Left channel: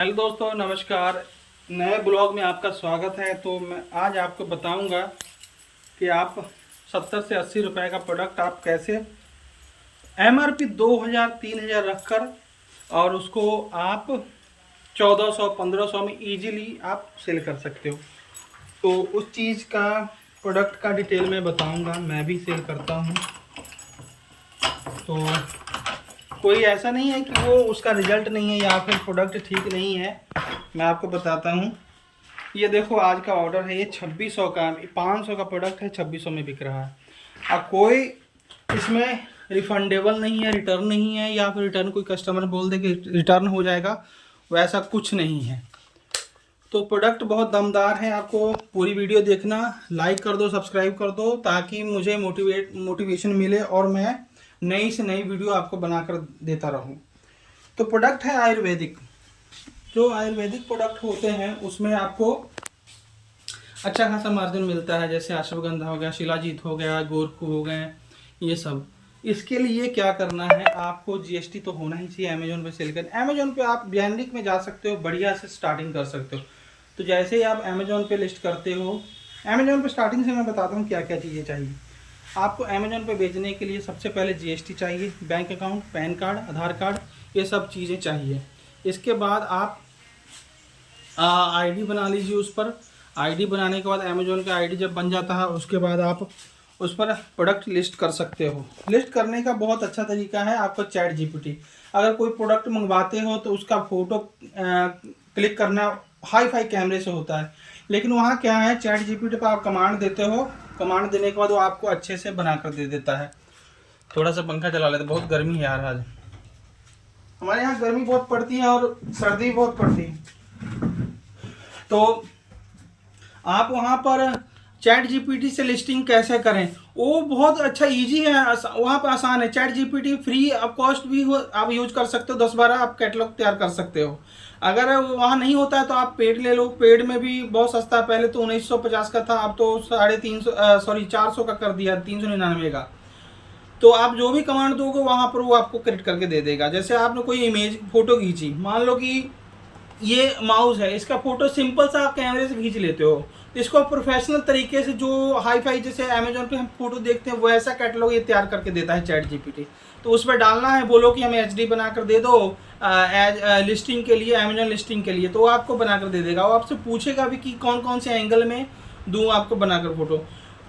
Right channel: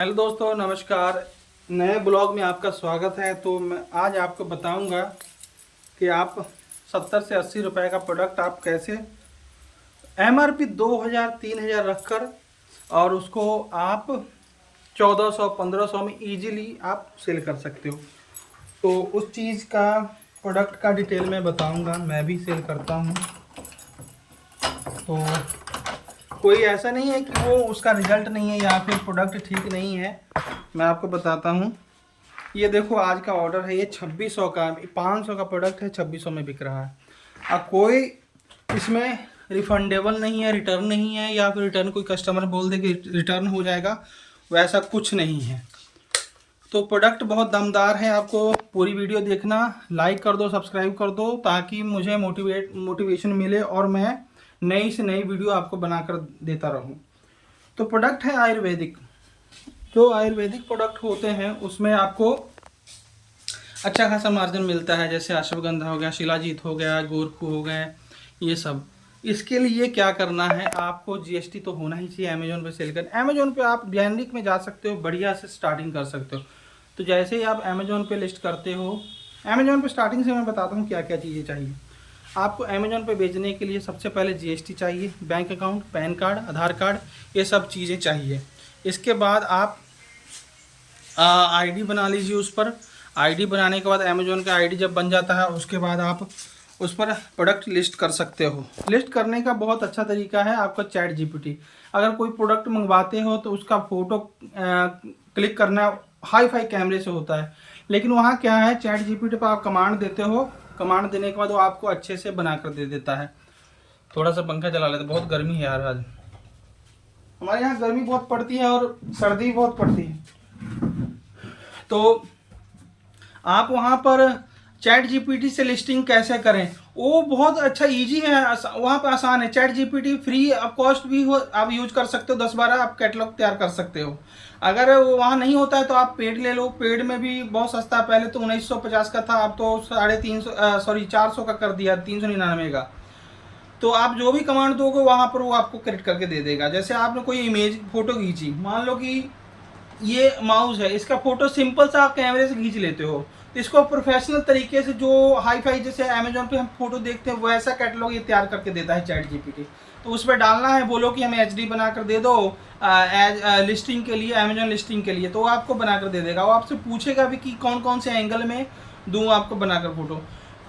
Hello दोस्तों, नमस्कार। नए ब्लॉग में आपका स्वागत है। तो मैं आज आपको बताऊंगा कि आप 70 से 80 रुपए का प्रोडक्ट आप कैसे एमआरपी 2000 3000 रखकर और उसको आप 1400 1500 में इजीली आप सेल कर सकते हो। तो उस चीज़ का प्रोडक्ट का डिटेल में बताऊंगा। मैं भी सेल करता हूं। तो कोई ऐसा नहीं है कि वो उसका रिजल्ट नहीं है या फिर प्रोडक्ट ठीक नहीं है। मैं आपको बताता हूँ। ये देखो, आज का ऑर्डर है, ये 2600 का, 500 का प्रोडक्ट है, 2600 में बिक रहा है। अब कोई इसमें रिफंडेबल नहीं है, रिटर्न नहीं है, या फिर रिटर्न कोई कस्टमर बोल दे कि रिटर्न हो जाएगा, वैसा कुछ नहीं है। तो प्रोडक्ट बहुत दमदार है। आपको पूरी वीडियो देखना, लाइक कर दो, सब्सक्राइब कर दो, ताकि मुझे मोटिवेशन मिले और मैं नई से नई वीडियो आपको बनाकर देता रहूं। तो प्रोडक्ट है आयुर्वेदिक। जो आयुर्वेदिक प्रोडक्ट होते हैं उसमें आपको अच्छा खासा मार्जिन मिलता है। जैसे अश्वगंधा हो गया, शिलाजीत हो गया, गोरखू हो गए, ये सब। इसके लिए क्या करना है, आपको जीएसटी तो होना ही चाहिए। अमेजोन पे सेल करना, अमेजोन पे आप जेनरिक में जा सकते हो, बढ़िया से स्टार्टिंग कर सकते हो। तो जैसे ही आप अमेजोन पे लिस्ट करते हो, अमेजोन पे स्टार्टिंग से मैं बताता हूँ क्या क्या चीज़ें चाहिए आपको। अमेजोन पे बेचने के लिए सबसे पहले जीएसटी चाहिए, बैंक अकाउंट, पैन कार्ड, आधार कार्ड, ये सब चीज़ें चाहिए। इसके बाद आप आईडी बना लीजिए। उस पर आईडी बनाने के बाद अमेजोन का आईडी जब बन जाता है, उसके बाद आप उस पर प्रोडक्ट लिस्ट कर सकते हो। लिस्ट करने का बहुत अच्छा तरीका है आपका चैट जीपीटी। अगर कोई प्रोडक्ट मंगवाते हो तो उसका फ़ोटो क्लिक करना हाई फाई कैमरे से होता है, लेकिन वहाँ क्या है, चैट जीपीटी पर आप कमांड देते हो, कमांड देने के बाद वो आपको अच्छे से बना कर दे देता है। थोड़ा सा पंखा चला लेते, बहुत गर्मी है यार आज। हमारे यहाँ गर्मी बहुत पड़ती है और सर्दी बहुत पड़ती है। तो आप वहाँ पर चैट जीपीटी से लिस्टिंग कैसे करें, वो बहुत अच्छा इजी है। वहाँ पर आसान है। Chat GPT free of cost भी हो, आप यूज कर सकते हो। 10-12 आप कैटलॉग तैयार कर सकते हो। अगर वहाँ नहीं होता है तो आप पेड ले लो। पेड में भी बहुत सस्ता है। पहले तो 1950 का था, अब तो 400 का कर दिया, 399 का। तो आप जो भी कमांड दोगे वहाँ पर वो आपको क्रिएट करके दे देगा। जैसे आपने कोई इमेज फोटो खींची, मान लो कि ये माउस है, इसका फोटो सिंपल सा आप कैमरे से खींच लेते हो, तो इसको प्रोफेशनल तरीके से, जो हाई फाई जैसे अमेजोन पे हम फोटो देखते हैं, वैसा कैटलॉग ये तैयार करके देता है चैट जीपीटी। तो उस पर डालना है, बोलो कि हमें एचडी बनाकर दे दो एज लिस्टिंग के लिए, अमेजोन लिस्टिंग के लिए, तो वो आपको बनाकर दे देगा। वो आपसे पूछेगा भी कि कौन कौन से एंगल में दूँ आपको बनाकर फोटो।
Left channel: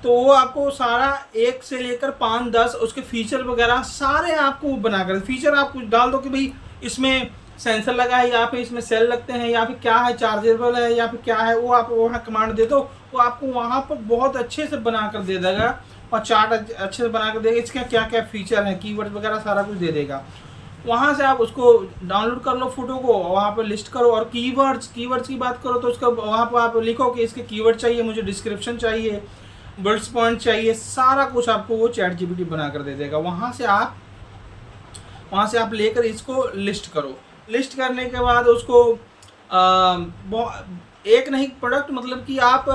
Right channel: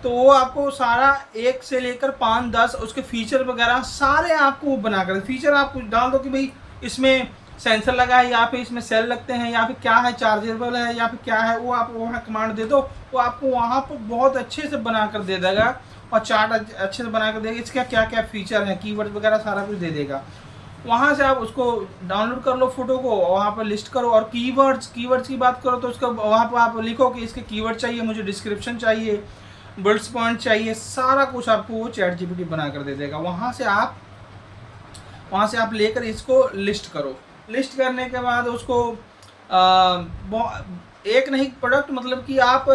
तो वो आपको सारा 1 से लेकर 5-10 उसके फीचर वगैरह सारे आपको बनाकर, फीचर आप कुछ डाल दो कि भाई इसमें सेंसर लगा है, या फिर इसमें सेल लगते हैं, या फिर क्या है, चार्जेबल है, या फिर क्या है, वो आप वहाँ कमांड दे दो, वो आपको वहाँ पर बहुत अच्छे से बना कर दे देगा। और चार्ट अच्छे से बना कर देगा, इसका क्या क्या फीचर है, कीवर्ड वगैरह सारा कुछ दे देगा। वहाँ से आप उसको डाउनलोड कर लो फोटो को, वहाँ पर लिस्ट करो। और कीवर्ड्स की बात करो तो उसका वहाँ पर आप लिखो कि इसके कीवर्ड चाहिए, मुझे डिस्क्रिप्शन चाहिए, बुलेट्स पॉइंट चाहिए, सारा कुछ आपको वो चैट जीपीटी बना कर दे देगा। वहाँ से आप लेकर इसको लिस्ट करो। लिस्ट करने के बाद उसको एक नहीं प्रोडक्ट, मतलब कि आप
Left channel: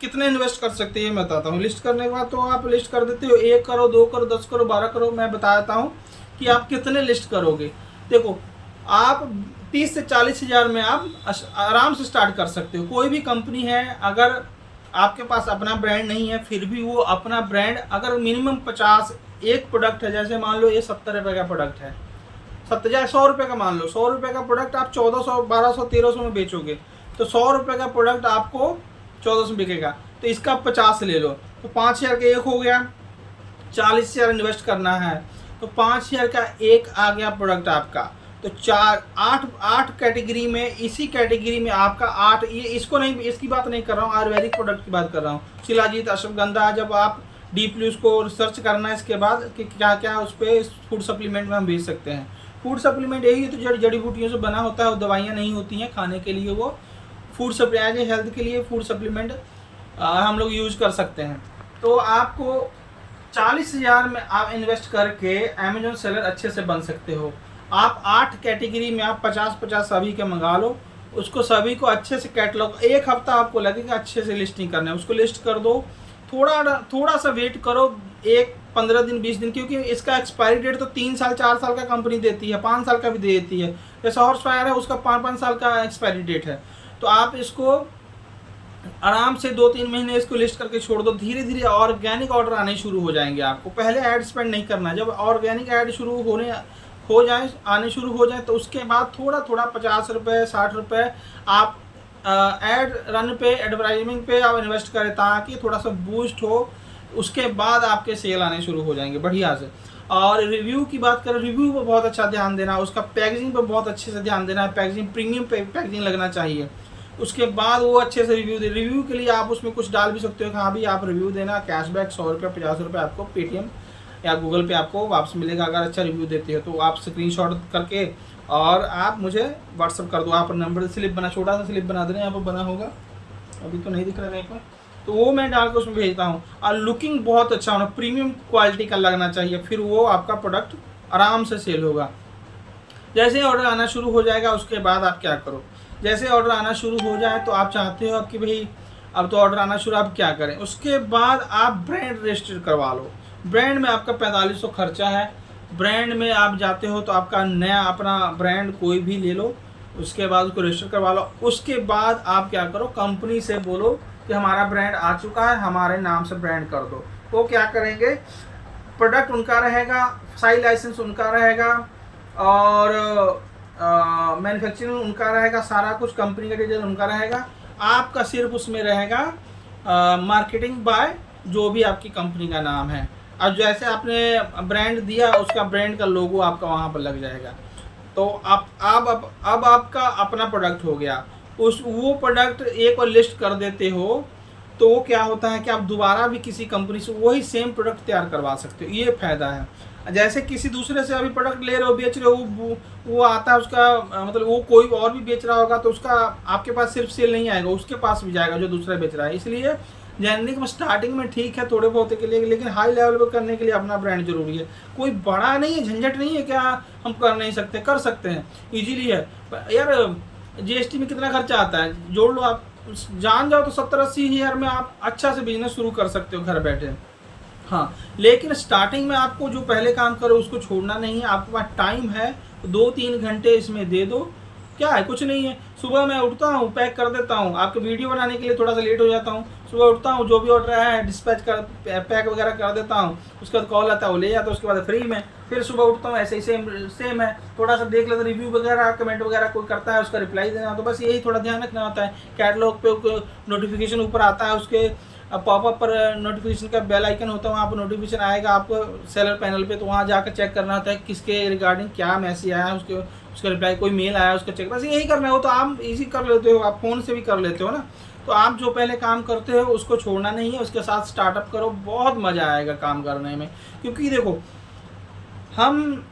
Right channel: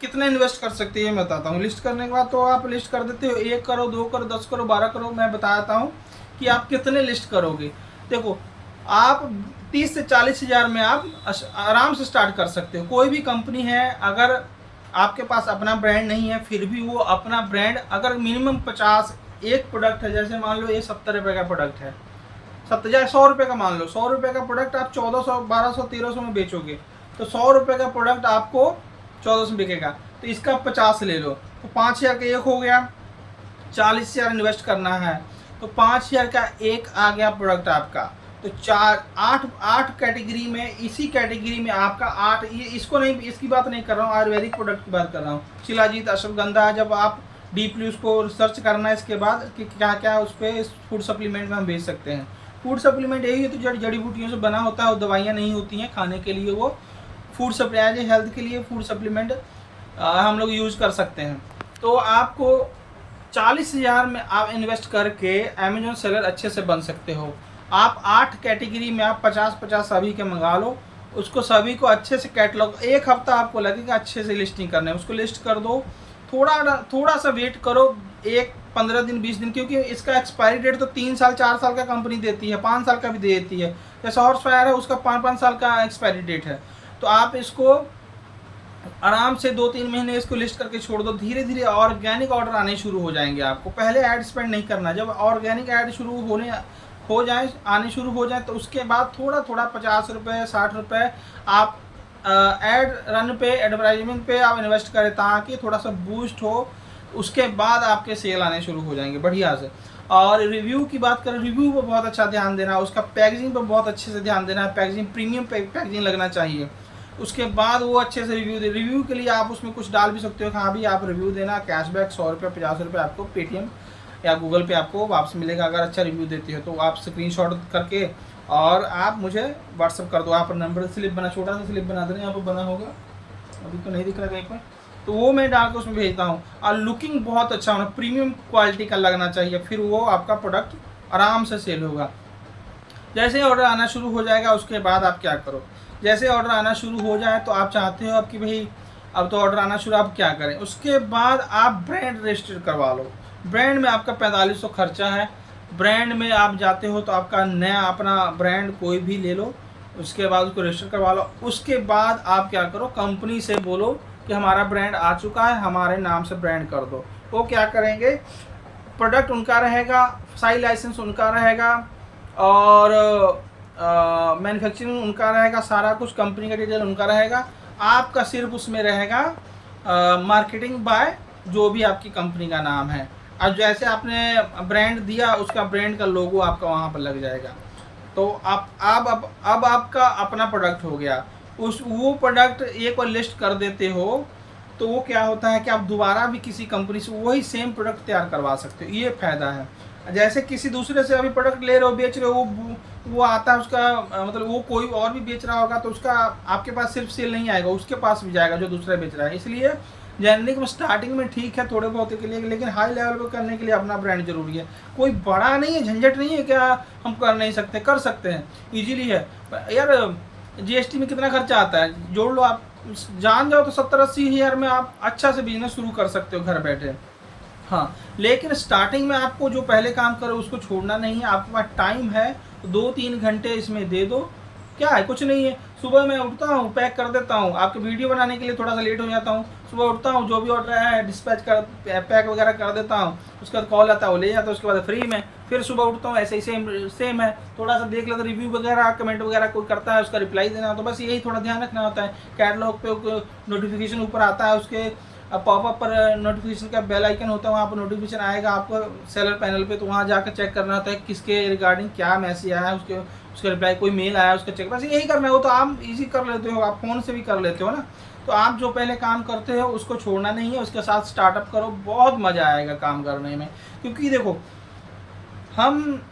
कितने इन्वेस्ट कर सकते हैं ये मैं बताता हूँ। लिस्ट करने के बाद तो आप लिस्ट कर देते हो, 1 करो, 2 करो, 10 करो, 12 करो। मैं बताता हूँ कि आप कितने लिस्ट करोगे। देखो, आप 30 से 40 हज़ार में आप आराम से स्टार्ट कर सकते हो। कोई भी कंपनी है, अगर आपके पास अपना ब्रांड नहीं है, फिर भी वो अपना ब्रांड, अगर मिनिमम 50 एक प्रोडक्ट है, जैसे मान लो ये 70 रुपये का प्रोडक्ट है, 100 रुपये का मान लो, 100 रुपये का प्रोडक्ट आप 1400, 1200, 1300 में बेचोगे, तो 100 रुपये का प्रोडक्ट आपको 1400 में बिकेगा। तो इसका 50 ले लो, तो 5000 का एक हो गया। 40,000 इन्वेस्ट करना है, तो 5000 का एक आ गया प्रोडक्ट आपका। तो 8 कैटेगरी में, इसी कैटेगरी में आपका 8, ये इसको नहीं, इसकी बात नहीं कर रहा हूँ, आयुर्वेदिक प्रोडक्ट की बात कर रहा हूँ। शिलाजीत, अश्वगंधा, जब आप डीपली उसको रिसर्च करना है इसके बाद कि क्या क्या उस पर फूड सप्लीमेंट में हम भेज सकते हैं। फूड सप्लीमेंट यही है, तो जड़ी बूटियों से बना होता है, वो दवाइयाँ नहीं होती हैं खाने के लिए। वो फूड सप्लाई, हेल्थ के लिए फूड सप्लीमेंट हम लोग यूज़ कर सकते हैं। तो आपको 40,000 में आप इन्वेस्ट करके अमेजोन सेलर अच्छे से बन सकते हो। आप 8 कैटेगरी में आप 50-50 सभी के मंगा लो, उसको सभी को अच्छे से कैटलॉग, 1 हफ्ता आपको लगेगा अच्छे से लिस्टिंग करने में। उसको लिस्ट कर दो, थोड़ा सा वेट करो, 1 15 दिन 20 दिन, क्योंकि इसका एक्सपायरी डेट तो 3 साल 4 साल का कंपनी देती है, 5 साल का भी देती है। जैसे हॉर्स फायर है उसका 5 साल का एक्सपायरी डेट है। तो आप इसको आराम से 2-3 महीने इसको लिस्ट करके छोड़ दो, धीरे धीरे ऑर्गेनिक ऑर्डर आने शुरू हो जाएंगे। आपको पहले ऐड स्पेंड नहीं करना, जब ऑर्गेनिक ऐड आने शुरू हो जाए तो उसके बाद थोड़ा थोड़ा 50 रुपये 60 रुपये आप ऐड रन पे, एडवर्टाइजमेंट पे आप इन्वेस्ट करें ताकि थोड़ा सा बूस्ट हो। उसके बाद आपके सेल आने शुरू हो जाएंगे बढ़िया से। और रिव्यू की बात करें, रिव्यू पर बहुत अच्छा ध्यान देना, उसका पैकेजिंग पर बहुत अच्छे से ध्यान देना है। पैकेजिंग प्रीमियम पैकेजिंग लगना चाहिए। उसके बाद वो अच्छे से रिव्यू दे। रिव्यू के लिए आप उसमें कुछ डाल भी सकते हो कि हाँ भी आप रिव्यू देना, कैशबैक 100 रुपये 50 रुपये आपको पेटीएम या गूगल पे आपको वापस मिलेगा अगर अच्छा रिव्यू देते हो। तो आप स्क्रीनशॉट करके और आप मुझे व्हाट्सअप कर दो। आप नंबर स्लिप बना, छोटा सा स्लिप बना देना, यहाँ पर बना होगा, अभी तो नहीं दिख रहा कहीं पर, तो वो मैं डाल के उसमें भेजता हूँ। और लुकिंग बहुत अच्छा होना, प्रीमियम क्वालिटी का लगना चाहिए, फिर वो आपका प्रोडक्ट आराम से सेल होगा। जैसे ऑर्डर आना शुरू हो जाएगा उसके बाद आप क्या करो, जैसे ऑर्डर आना शुरू हो जाए तो आप चाहते हो आपकी भाई अब तो ऑर्डर आना शुरू, आप क्या करें, उसके बाद आप ब्रांड रजिस्टर करवा लो। ब्रांड में आपका 4500 खर्चा है। ब्रांड में आप जाते हो तो आपका नया अपना ब्रांड कोई भी ले लो, उसके बाद उसको रजिस्टर करवा लो। उसके बाद आप क्या करो, कंपनी से बोलो कि हमारा ब्रांड आ चुका है, हमारे नाम से ब्रांड कर दो। वो क्या करेंगे, प्रोडक्ट उनका रहेगा, साई लाइसेंस उनका रहेगा और मैन्युफैक्चरिंग उनका रहेगा, सारा कुछ कंपनी का डिटेल उनका रहेगा। आपका सिर्फ उसमें रहेगा मार्केटिंग बाय जो भी आपकी कंपनी का नाम है। और जैसे आपने ब्रांड दिया उसका ब्रांड का लोगो आपका वहाँ पर लग जाएगा। तो अब आपका अपना प्रोडक्ट हो गया। वो प्रोडक्ट एक बार लिस्ट कर देते हो तो वो क्या होता है कि आप दोबारा भी किसी कंपनी से वही सेम प्रोडक्ट तैयार करवा सकते हो, ये फ़ायदा है। जैसे किसी दूसरे से अभी प्रोडक्ट ले रहे हो, बेच रहे हो, वो आता है उसका मतलब वो कोई और भी बेच रहा होगा तो उसका आपके पास सिर्फ सेल नहीं आएगा, उसके पास भी जाएगा जो दूसरा बेच रहा है। इसलिए जेनरिक में स्टार्टिंग में ठीक है थोड़े बहुत के लिए, लेकिन हाई लेवल पर करने के लिए अपना ब्रांड जरूरी है। कोई बड़ा नहीं है, झंझट नहीं है क्या हम कर नहीं सकते, कर सकते हैं, ईजिली है। यार जीएसटी में कितना खर्चा आता है, जोड़ लो, आप जान जाओ तो 70-80 हज़ार में आप अच्छा से बिजनेस शुरू कर सकते हो घर बैठे। हाँ, लेकिन स्टार्टिंग में आपको जो पहले काम करो उसको छोड़ना नहीं है। आपके पास टाइम है 2-3 घंटे इसमें दे दो, क्या है, कुछ नहीं है। सुबह मैं उठता हूँ, पैक कर देता हूँ, आपके वीडियो बनाने के लिए थोड़ा सा लेट हो जाता हूँ। सुबह उठता हूँ, जो भी ऑर्डर है डिस्पैच कर पैक वगैरह कर देता हूँ, उसके बाद कॉल आता है वो ले जाता हूँ, उसके बाद फ्री में फिर सुबह उठता हूँ, ऐसे ही सेम है। थोड़ा सा देख लेता, रिव्यू वगैरह कमेंट वगैरह कोई करता है उसका रिप्लाई देना, तो बस यही थोड़ा ध्यान रखना होता है। कैटलॉग पे नोटिफिकेशन ऊपर आता है, उसके पॉपअप पर नोटिफिकेशन का बेल आइकन होता है, वहाँ पर नोटिफिकेशन आएगा आपको सेलर पैनल पे, तो वहाँ जाकर चेक करना होता है किसके रिगार्डिंग क्या मैसेज आया है, उसका रिप्लाई, कोई मेल आया उसका चेक, बस यही करना है। वो तो आप इजी कर लेते हो, आप फ़ोन से भी कर लेते हो ना। तो आप जो पहले काम करते हो उसको छोड़ना नहीं है, उसके साथ स्टार्टअप करो, बहुत मज़ा आएगा काम करने में। क्योंकि देखो हम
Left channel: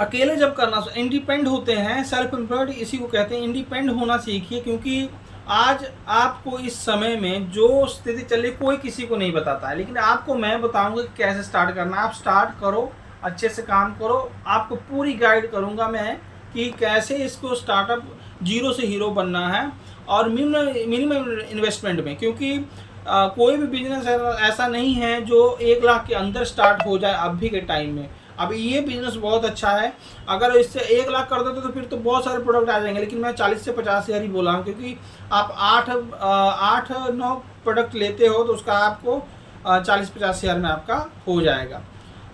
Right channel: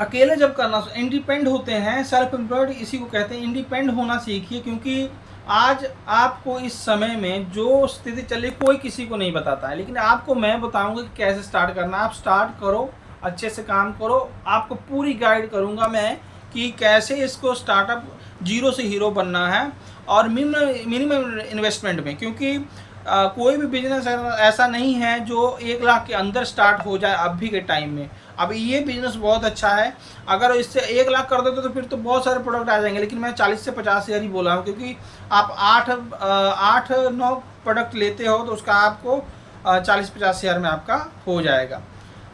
अकेले जब करना इंडिपेंड होते हैं, सेल्फ एम्प्लॉयड इसी को कहते हैं, इंडिपेंड होना सीखिए। क्योंकि आज आपको इस समय में जो स्थिति चल रही कोई किसी को नहीं बताता है, लेकिन आपको मैं बताऊंगा कि कैसे स्टार्ट करना है। आप स्टार्ट करो, अच्छे से काम करो, आपको पूरी गाइड करूंगा मैं कि कैसे इसको स्टार्टअप जीरो से हीरो बनना है और मिनिमम इन्वेस्टमेंट में। क्योंकि कोई भी बिजनेस ऐसा नहीं है जो 1 लाख के अंदर स्टार्ट हो जाए अभी के टाइम में। अब ये बिज़नेस बहुत अच्छा है, अगर इससे 1 लाख कर देते तो फिर तो बहुत सारे प्रोडक्ट आ जाएंगे, लेकिन मैं 40 से 50 हज़ार ही बोला हूँ। क्योंकि आप 8-9 प्रोडक्ट लेते हो तो उसका आपको 40-50 हज़ार में आपका हो जाएगा।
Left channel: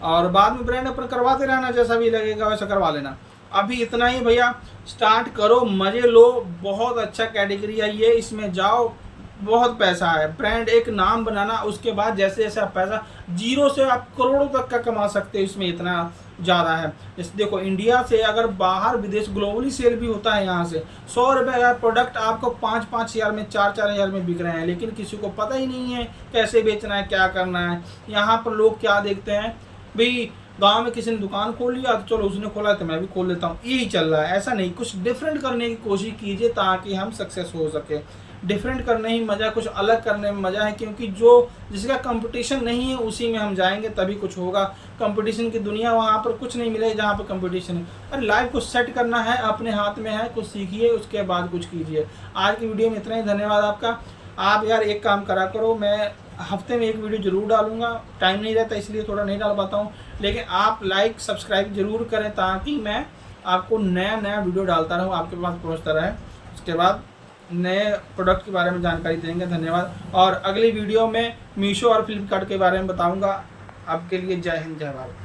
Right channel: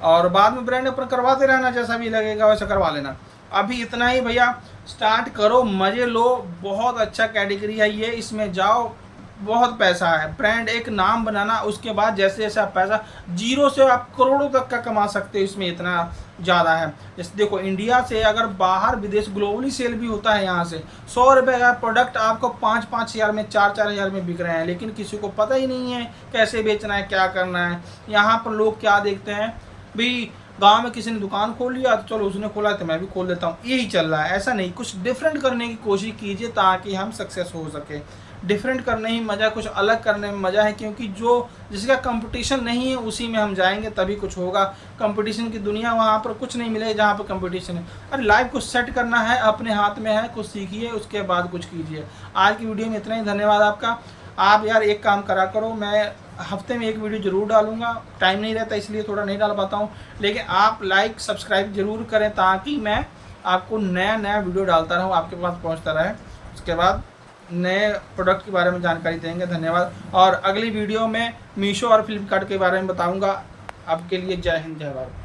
और बाद में ब्रांड अपन करवाते रहना, जैसा भी लगेगा वैसा करवा लेना। अभी इतना ही भैया, स्टार्ट करो, मज़े लो, बहुत अच्छा कैटेगरी है ये, इसमें जाओ, बहुत पैसा है। ब्रांड एक नाम बनाना, उसके बाद जैसे जैसे आप पैसा जीरो से आप करोड़ों तक का कमा सकते हो, इसमें इतना ज़्यादा है। जैसे देखो इंडिया से अगर बाहर विदेश ग्लोबली सेल भी होता है, यहाँ से 100 रुपये का प्रोडक्ट आपको 5-5 हज़ार में 4-4 हज़ार में बिक रहे हैं, लेकिन किसी को पता ही नहीं है कैसे बेचना है, क्या करना है। यहाँ पर लोग क्या देखते हैं भाई, गांव में किसी ने दुकान खोल लिया तो चलो उसने खोला तो मैं भी खोल लेता हूँ, यही चल रहा है। ऐसा नहीं, कुछ डिफरेंट करने की कोशिश कीजिए ताकि हम सक्सेस हो सके। डिफरेंट करने ही मज़ा, कुछ अलग करने में मज़ा है। क्योंकि जो जिसका कंपटीशन नहीं है उसी में हम जाएंगे तभी कुछ होगा। कंपटीशन की दुनिया, वहाँ पर कुछ नहीं मिलेगा जहाँ पर कंपटीशन है। अरे लाइफ को सेट करना है, अपने हाथ में है, कुछ सीखिए उसके बाद कुछ कीजिए। आज की वीडियो में इतना ही, धन्यवाद आपका। आप यार एक काम करा करो, मैं हफ्ते में एक वीडियो ज़रूर डालूंगा, टाइम नहीं रहता इसलिए थोड़ा नहीं डाल पाता हूँ, लेकिन आप लाइक सब्सक्राइब ज़रूर करें ताकि मैं आपको नया नया वीडियो डालता रहूँ, आपके पास पहुँचता रहे। उसके बाद नए प्रोडक्ट के बारे में जानकारी देंगे। धन्यवाद। और अगली वीडियो में मीशो और फ्लिपकार्ट के बारे में बताऊँगा। आपके लिए जय हिंद, जय भारत।